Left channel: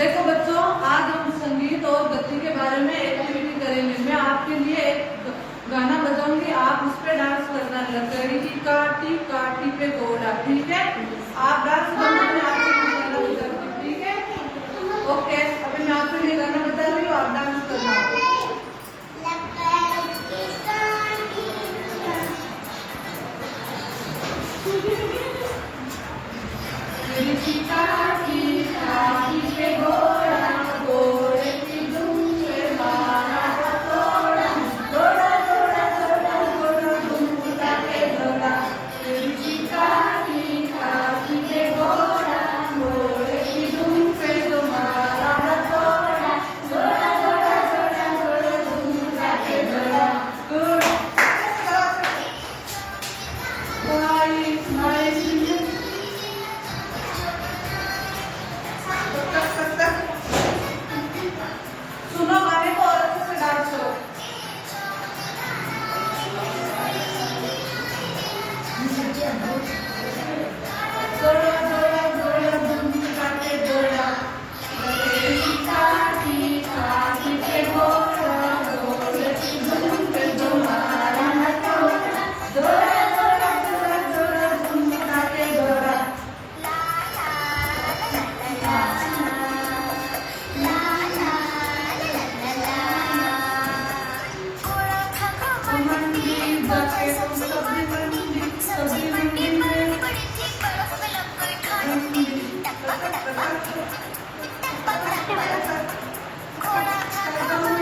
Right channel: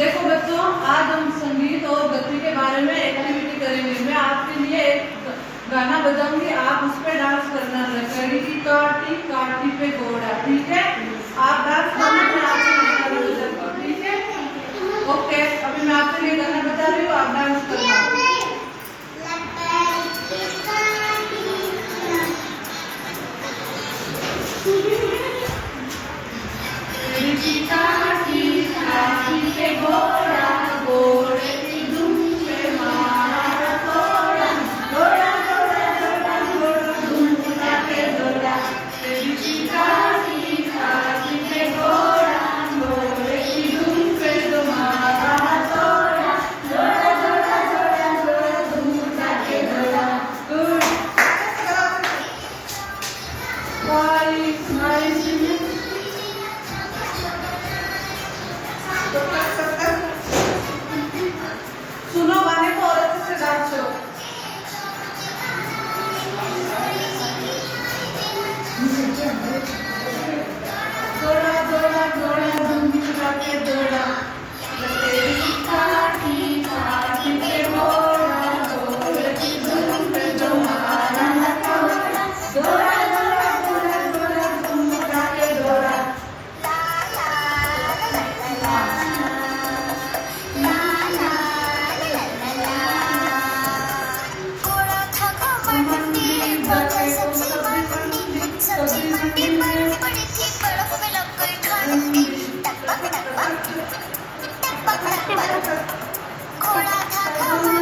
देखो बच्चों, आज हम संगीत और गति के बारे में एक्टिविटी करेंगे। मैं आपके लिए एक गाना बजाऊंगी, आप उस पे डांस करना। लकड़ी काटी काटी पे घोड़ा, ठीक है? आप डांस करना, मैं आपसे गाना बजाऊंगी, ठीक है? ओके, अभी मैं आपके लिए गाना बजा रही हूँ, आप डांस करना। सुनो गाने को और अच्छे से डांस करो। जोड़ा जोड़ा जोड़ा धूम करके जोड़ा, काटी काटी के घोड़ा, घोड़े की धूम पे तुम्हारा नकोड़ा, जोड़ा जोड़ा जोड़ा जोड़ा धूम करके जोड़ा। घोड़ा